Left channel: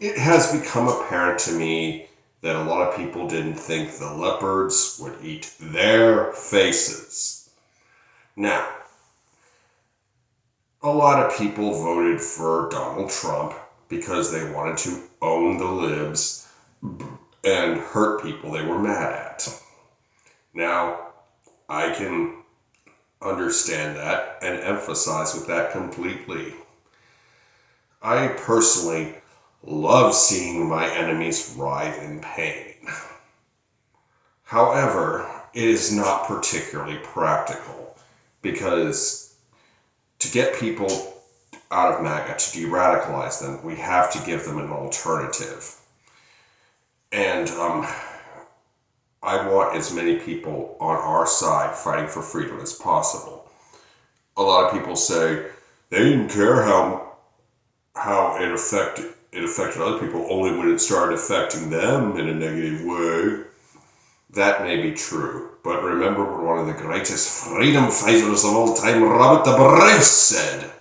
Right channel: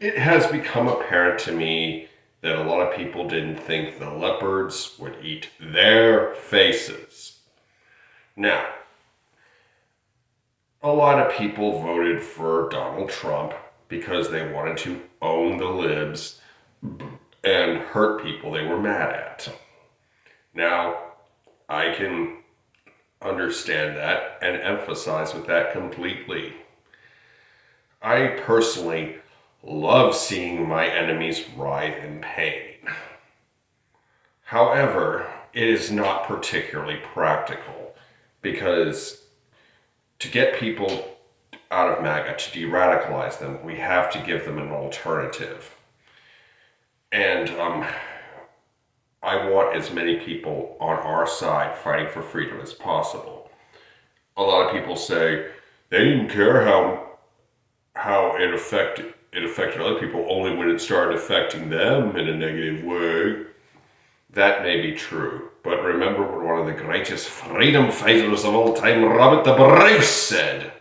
It has become apparent to me that a lot of people didn't think the leopards would eat their faces. Now, a lot of people voted for Donald Trump because they wanted to own the libs and hurt people they were mad at. Now, I can understand that and emphasize with that completely. I personally love seeing my enemies writhe in pain. However, it is not particularly practical because to get people out of MAGA, to de radicalize them, we have to give them an alternative. And I want as many people on our side fighting for freedom as possible. A lot of people say they didn't care how it affected other people only when it started affecting them in a negative way. That may be true, but remember what one of the greatest freedom fighters of all time, Robert the Bruce, said.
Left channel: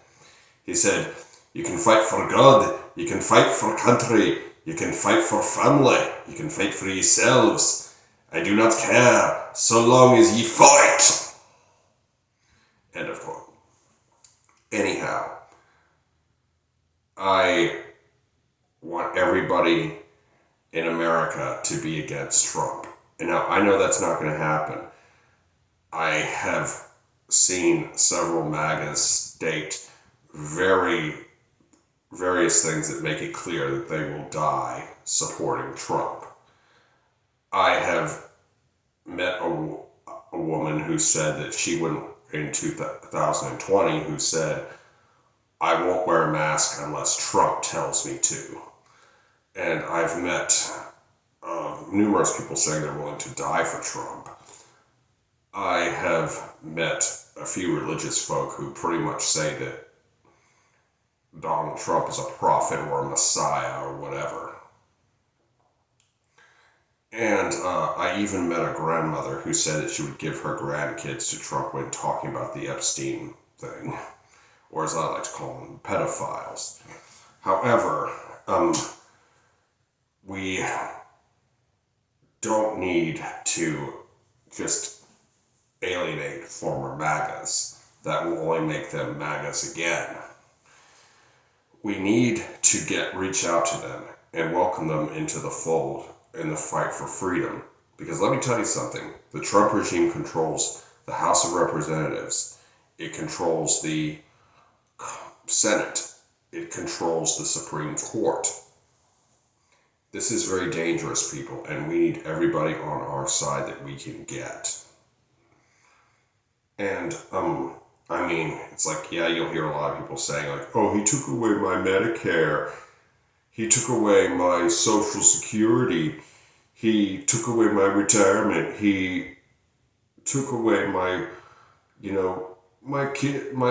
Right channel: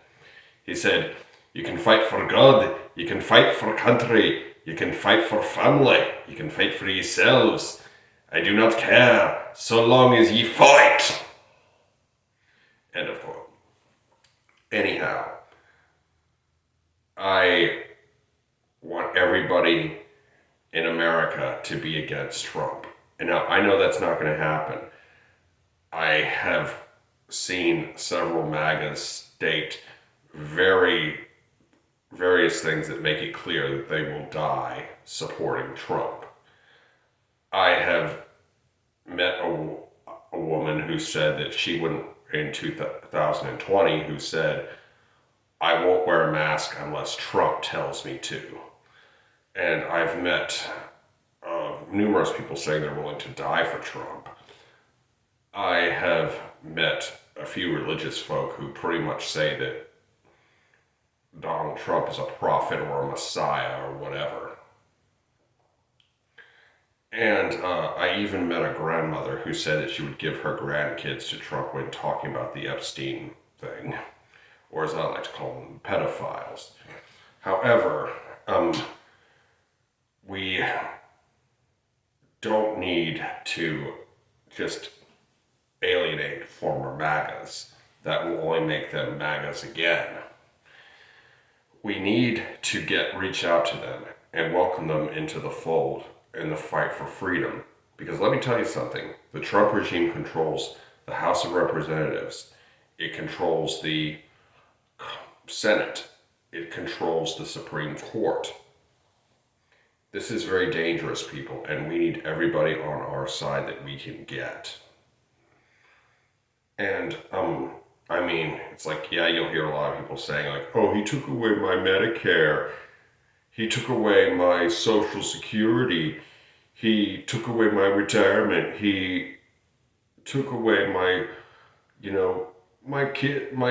He said, "You can fight for God, you can fight for country, you can fight for family, you can fight for yourselves. I do not care, so long as ye fight." End of quote. Anyhow, I want everybody in America to be against Trump. And now, I know that's not going to happen. I have seen several MAGAs state various things that make it clear that they will die supporting Trump. I have met a woman who said that she wouldn't, in 2020, who said, "I won't wear a mask unless Trump tells me to." And I've met numerous people saying they're willing to die for Trump. I have met a few religious folk who pretty much say that Donald Trump is a prophet or a messiah or whatever. And I even met a grandmother who said that she would give her grandkids to Trump when talking about the Epstein thing, or as I like to call them, pedophiles. However, we don't need to just alienate former MAGAs. That will only make them MAGAs again. We need to reach out to them and welcome them into the fold in the fight for freedom. Because let me tell you something, the Trump regime controls the House of Representatives. It controls the Senate. It controls the Supreme Court. This is very dangerous, people, and we need everybody on our side that we can get. And, I mean, it's like, yeah, you'll hear a lot of people saying, like, "Oh, he took away my Medicare. He took away my Social Security. He took away my retirement. He took away my, my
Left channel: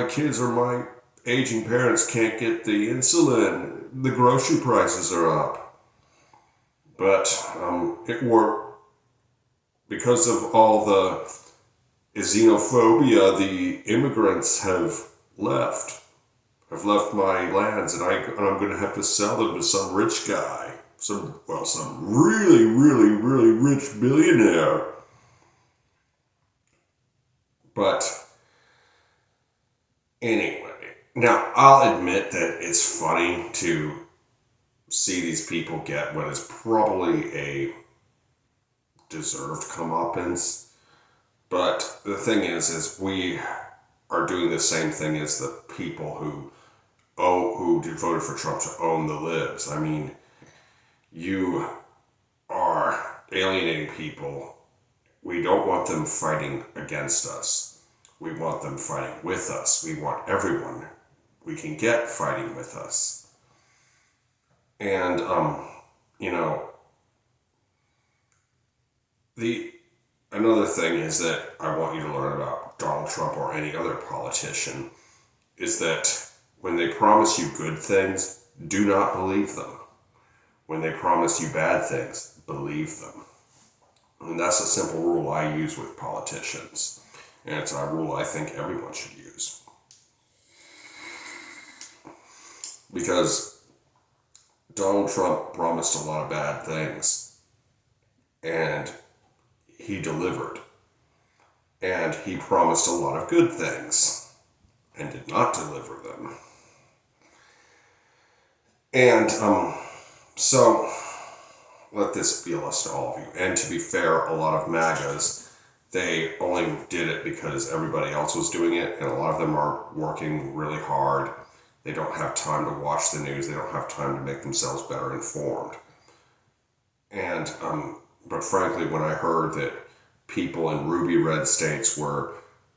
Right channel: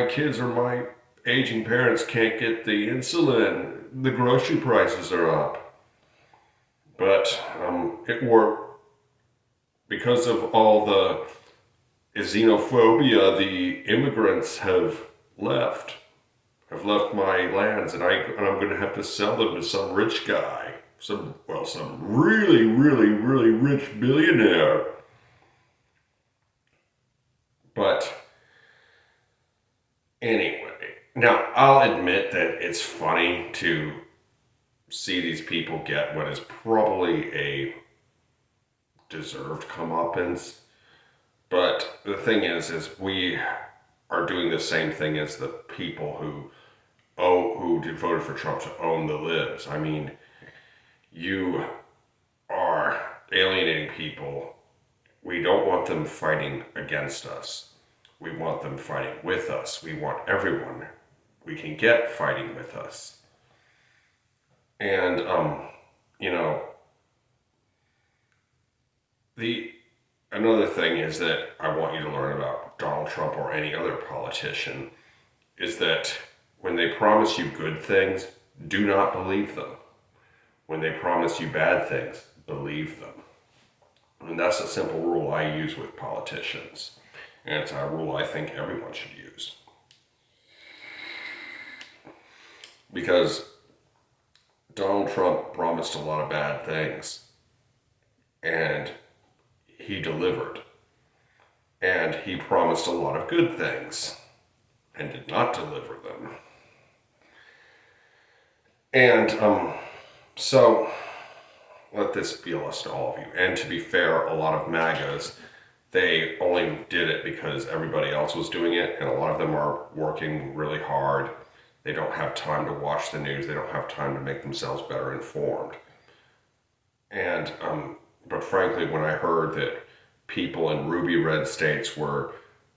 kids or my aging parents can't get the insulin. The grocery prices are up." But it worked because of all the xenophobia. The immigrants have left my lands, and I'm going to have to sell them to some rich guy, some really, really, really rich billionaire. But anyway, now I'll admit that it's funny to see these people get what is probably a deserved comeuppance. But the thing is we are doing the same thing as the people who voted for Trump to own the libs. I mean, you are alienating people. We don't want them fighting against us. We want them fighting with us. We want everyone we can get fighting with us. And, another thing is that I want you to learn about Donald Trump or any other politician is that when they promise you good things, do not believe them. When they promise you bad things, believe them. And that's a simple rule I use with politicians. And it's a rule I think everyone should use. Because Donald Trump promised a lot of bad things, and he delivered. And he promised a lot of good things, and did not deliver them. And so, let this be a lesson to all of you. And to be fair, a lot of MAGAs, they only did it because everybody else was doing it, and a lot of them are working really hard. They don't have time to watch the news. They don't have time to make themselves better informed. And, but frankly, when I heard that people in ruby red states were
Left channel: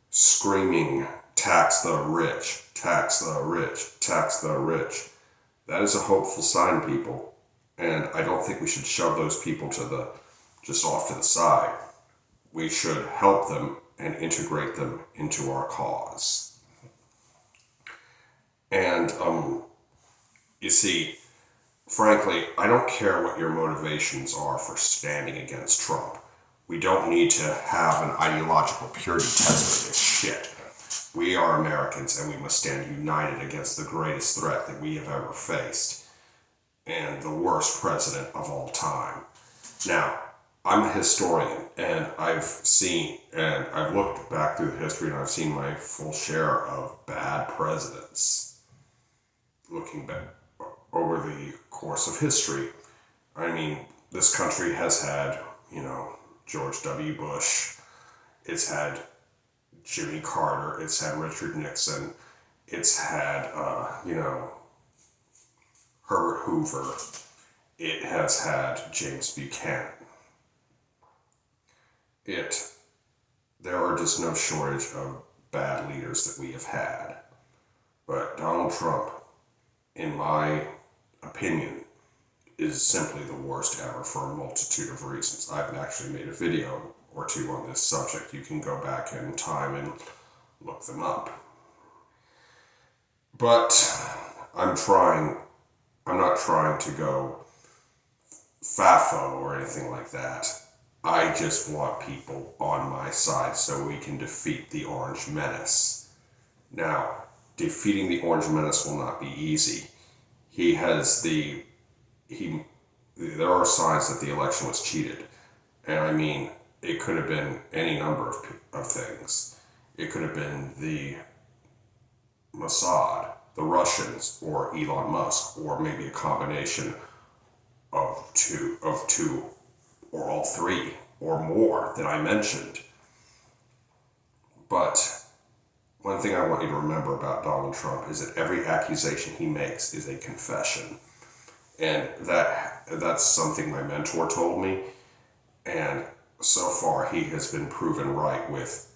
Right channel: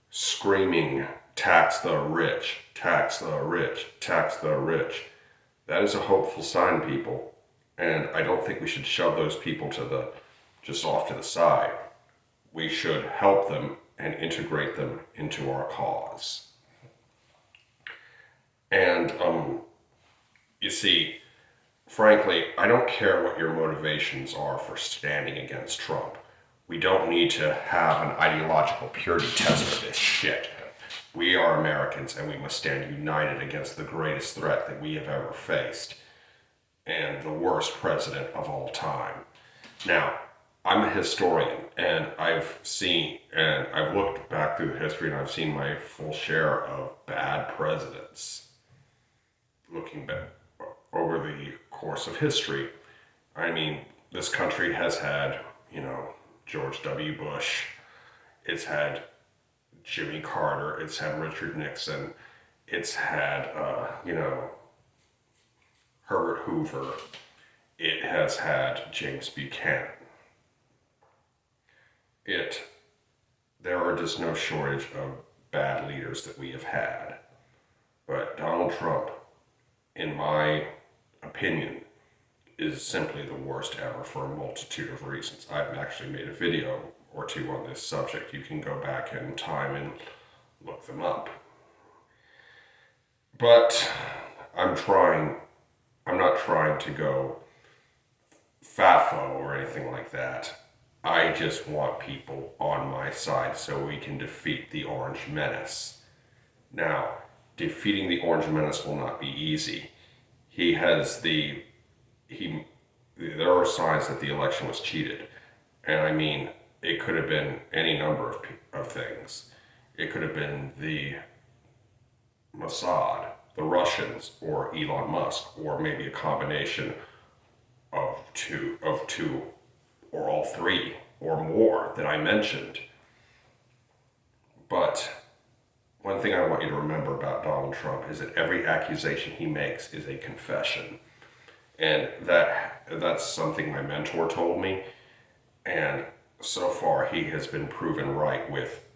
screaming, tax the rich, tax the rich, tax the rich, that is a hopeful sign, people. And I don't think we should shove those people just off to the side. We should help them and integrate them into our cause. And, you see, frankly, I don't care what your motivations are for standing against Trump. We don't need to have an ideological purity test for this shit. We are Americans, and we must stand united against the greatest threat that we have ever faced, and the worst president of all time. Now, I'm a historian, and I've looked back through the history, and I've seen my full share of bad presidents. Looking back over the course of history, I mean, this country has had, George W. Bush, it's had Jimmy Carter, it's had Richard Nixon, it's had, Herbert Hoover, it has had James Buchanan. There are just no shortage of bad leaders that we have had. But Donald Trump, in my opinion, is simply the worst ever for a multitude of reasons. I've actually made a video or two on this subject. You can go back in time and look them up. But I'm not trying to go FAFO or anything like that. I just want people on my side so we can defeat the Orange Menace. Now, defeating the Orange Menace will not be easy. There are signs that the election was cheated. And I mean, it could have been any number of things. It could have been the Mossad, the Russians, or Elon Musk, or maybe a combination of two, or all three, or more that I mentioned. But one thing I want you to remember about Donald Trump is that every accusation he makes is a confession. And that's something my mentor told me. And so far, he has been proven right with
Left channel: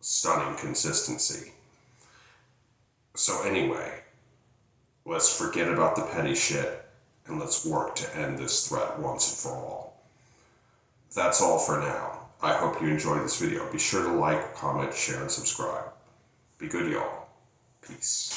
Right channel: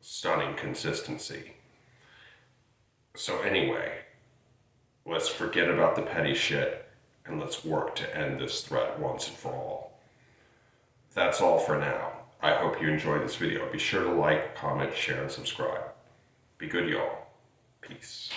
stunning consistency. So anyway, let's forget about the petty shit and let's work to end this threat once and for all. That's all for now. I hope you enjoyed this video. Be sure to like, comment, share, and subscribe. Be good, y'all. Peace.